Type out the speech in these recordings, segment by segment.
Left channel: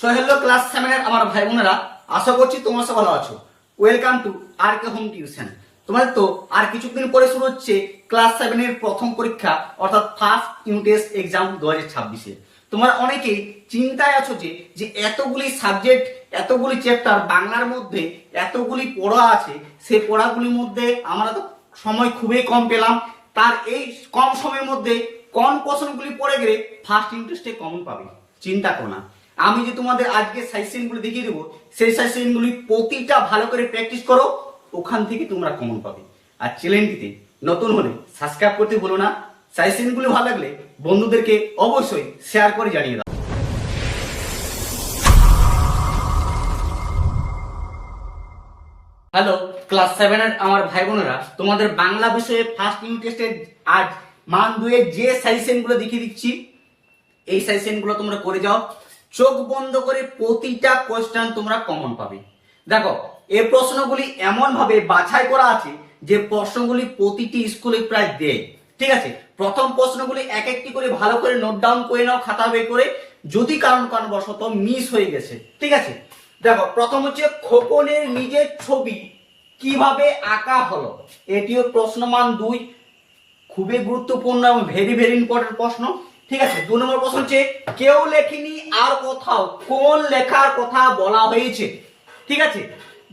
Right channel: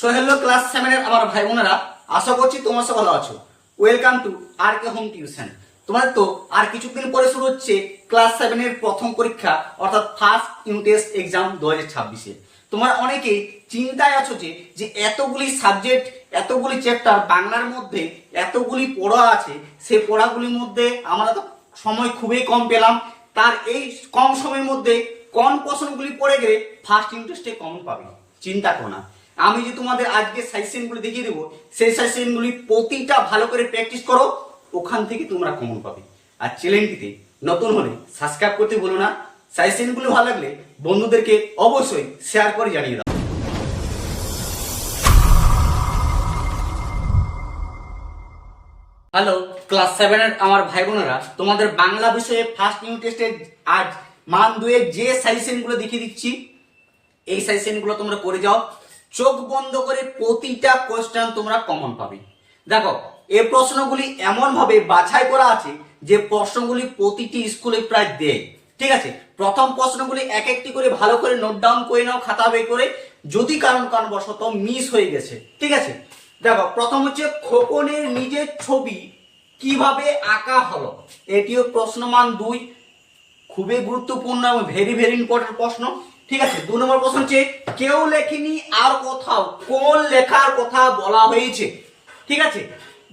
So hello class 7 এর আমার ভাই বোনেরা, আশা করছি তোমরা সব ভালো আছো। Welcome to R K home tuition. তোমাদের তো আর কিছুদিন পরে শুরু হচ্ছে ক্লাস 7 এর প্রথম পরীক্ষা, অর্থাৎ ফার্স্ট ইউনিট টেস্ট এক্সাম 2026-এ। তোমরা অনেকেই চিন্তায় আছো যে এতগুলি সাবজেক্ট, এতগুলি চ্যাপ্টার বাংলার মধ্যে এতগুলি পড়া আছে, সেই পড়াগুলির মধ্যে আমরা তো সময় খুবই কম পেলাম। তার এই কম সময়ের মধ্যে কোন প্রশ্নগুলি পড়ে গেলে ফার্স্ট ইউনিট টেস্টে কমন পাবে। চিন্তা করো না, আমি যে তোমাদের আজকে সাজেশনগুলি দেখিয়ে দেবো, সেই সাজেশনগুলি প্রতিটা ভালো করে প্র্যাকটিস করো, ওখান থেকে তোমরা কমন পাবে। আর চ্যানেলটিতে নতুন হলে সাবস্ক্রাইব করতে ভুলো না। সাজেশনগুলি ভালো লাগলে বন্ধুদেরকে অবশ্যই শেয়ার করে জানিয়ে দাও। হ্যালো ক্লাস 7 এর আমার ভাই বোনেরা, তোমাদের বাংলা বিষয়ে ফার্স্ট ইউনিট টেস্টের আজ মান 2 এর যে সাজেশনগুলো দেখিয়ে দিচ্ছি, এই সাজেশনগুলো তোমরা করে যাও। চোখ বন্ধ করে প্রতিটা কোশ্চেন তোমরা কমন পাবে। দেখো, এই প্রশ্নগুলি এমন ভাবে বাছাই করা আছে যে প্রশ্নগুলি প্রতিটি স্কুলে প্রায় দেয়। ঠিক আছে, প্রথম প্রশ্নগুলি এক একটি করে ভালো করে নোট ডাউন করে নাও খাতা বই করে, যদি কারণবশত মিস হয়ে গেছে। ঠিক আছে, দেখো প্রথম হচ্ছে খোকনের নিজের ছবি কিভাবে আঁকা হলো। এটিও প্রশ্ন মান 2, খুবই গুরুত্বপূর্ণ এবং ভেরি ভেরি ইম্পর্টেন্ট প্রশ্ন। ঠিক আছে, 2 নম্বর প্রশ্ন হচ্ছে কেউ লেখেনি আর কোথাও কোন লেখার কথা বলা হয়েছে। ঠিক আছে,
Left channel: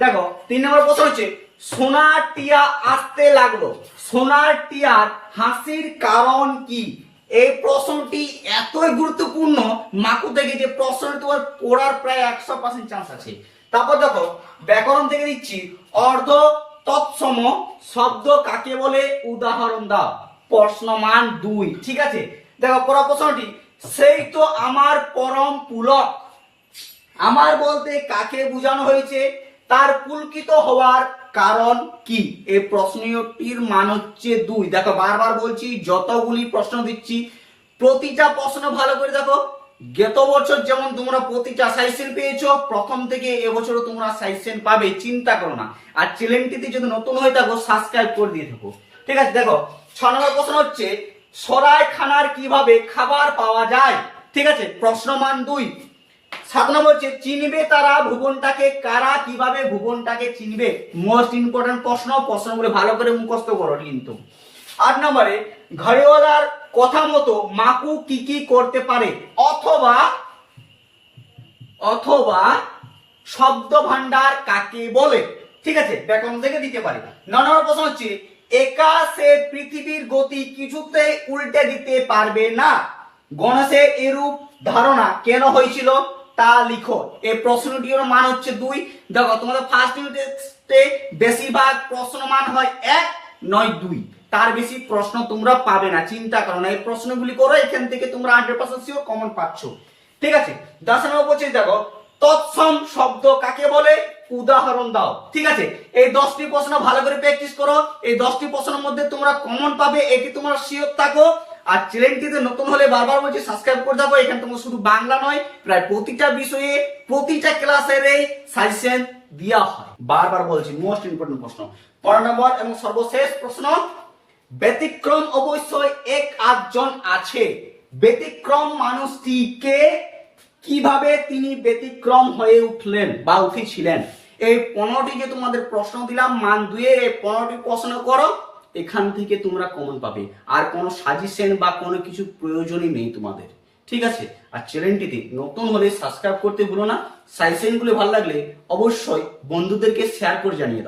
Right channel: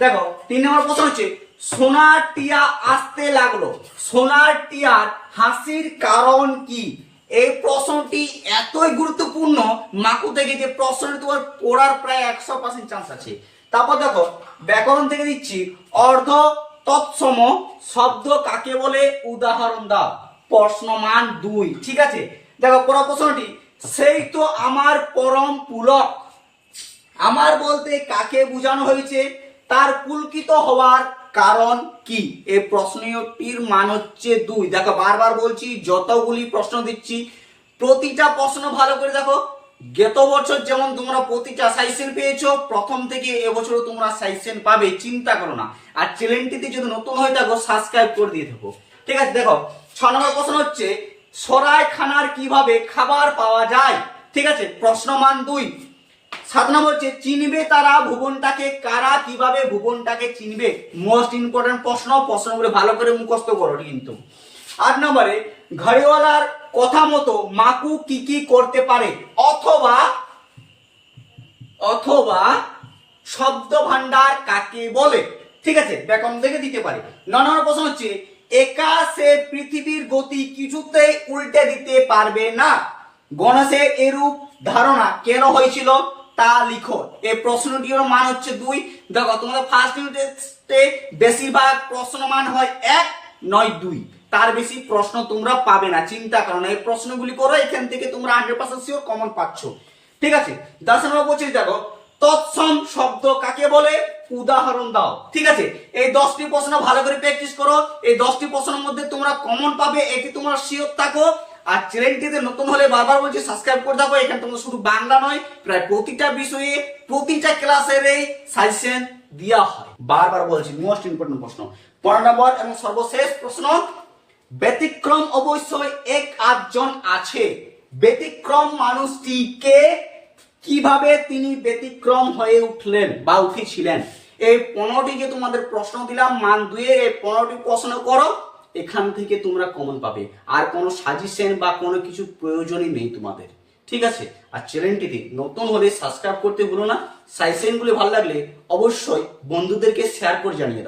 দেখো 3 নম্বর প্রশ্ন হচ্ছে সোনার টিয়া আসতে লাগলো, সোনার টিয়ার হাসির কারণ কি। এই প্রশ্নটি এতই গুরুত্বপূর্ণ মাকু থেকে যে প্রশ্নটি তোমার পড়ার প্রায় 100% চান্স আছে। তারপর দেখো ব্যাকরণ থেকে দিচ্ছি অর্ধ তৎসম শব্দ কাকে বলে, উদাহরণ দাও। প্রশ্ন মান 2। ঠিক আছে, দেখো পরের প্রশ্নটি সেই তো আমার পরম পুলক, আমার বলতে কাকে বোঝানো হয়েছে, তার পুলকিত হওয়ার কারণ কি। এই প্রশ্নটির মান হচ্ছে 2। দেখো বারবার বলছি, যতগুলি প্রশ্ন দিচ্ছি প্রতিটা প্রশ্ন ভালো করে দেখো। গত বছর যেমন তোমরা প্রতিটা সাজেশন পেয়েছো, প্রথম থেকে এবছরও তোমরা সাজেশন পাবে, চিন্তা করো না। আর চ্যানেলটিতে যদি নতুন হয়ে থাকো সাবস্ক্রাইব করে দিয়ে থাকো। ঠিক আছে, দেখো 6 নম্বর প্রশ্ন হচ্ছে সরাইখানার কিভাবে খাবার পাওয়া যায়। ঠিক আছে, প্রশ্ন মান 2। 7 নম্বর হচ্ছে চিনবে তারা ভুবনটাকে, কারা কিভাবে ভুবনটাকে চিনবে। মোস্ট ইম্পর্টেন্ট প্রশ্ন, প্রশ্নগুলো ভালো করে মুখস্থ করো কিন্তু। 8 নম্বরে ঘড়িওয়ালার কথা মতো মাকু কি কি করতে পারে, অথবা অথবা শব্দ ভান্ডার কাকে বলে। ঠিক আছে, ব্যাকরণ থেকে দিতে পারে। 9 নম্বর প্রশ্ন হচ্ছে একা সে পৃথিবীর গতি কিছুতে উল্টে দিতে পারবে না, গণেশের এরূপ ধারণা কেন হয়েছিল তা লিখো। এই প্রশ্নটির মান হচ্ছে 2। দেখো তোমাদের ফার্স্ট ইউনিটে বেশিরভাগ প্রশ্ন মান হয় 1 নয় 2, তার বেশি প্রশ্ন তোমরা পাবে না, চিন্তা করো না। এই প্রশ্নগুলি করো, এখান থেকে তোমরা 100% শিওর কমন পাচ্ছ। ঠিক আছে, 10 নম্বর বলছি দেখো তৎসম শব্দ কাকে বলে, উদাহরণ দাও। ঠিক আছে, এই 10টি প্রশ্ন ভালো করে প্র্যাকটিস করো, এই 10টি প্রশ্নের মধ্যে তোমরা কমন পাবে, এটি তোমরা শিওর থাকো। আর চ্যানেলটিতে নতুন হলে বারবার বলছি সাবস্ক্রাইব করে থাকো। এখানে তোমরা শুধু বাংলা নয়, প্রায় প্রতিটা বিষয়ে প্রতিটা ক্লাসের এই সাজেশন দেওয়া হয়। বারবার বলছি মোস্ট ইম্পর্টেন্ট প্রশ্ন। 15 নম্বর এবং সর্বশেষ প্রশ্ন, ব্যতিক্রম অবশ্যই এক আধজন আছে, ব্যতিক্রম মানুষটি কে, কিভাবে তিনি ব্যতিক্রম হয়ে উঠলেন বা উঠেছিলেন। এই 15টি যে তোমাদের প্রশ্ন দিলাম মান 2 এর, এই 15টি প্রশ্ন করো, এখান থেকে তোমরা কমন পাবে। আর কোনো সাজেশন বা কোনো কিছু প্রয়োজনই নেই তোমাদের। ঠিক আছে, আর চ্যানেলটিতে নতুন হলে সাবস্ক্রাইব করতে ভুলো না। সাজেশনগুলো ভালো লাগলে অবশ্যই বন্ধুদেরকে শেয়ার করে জানিয়ে দাও।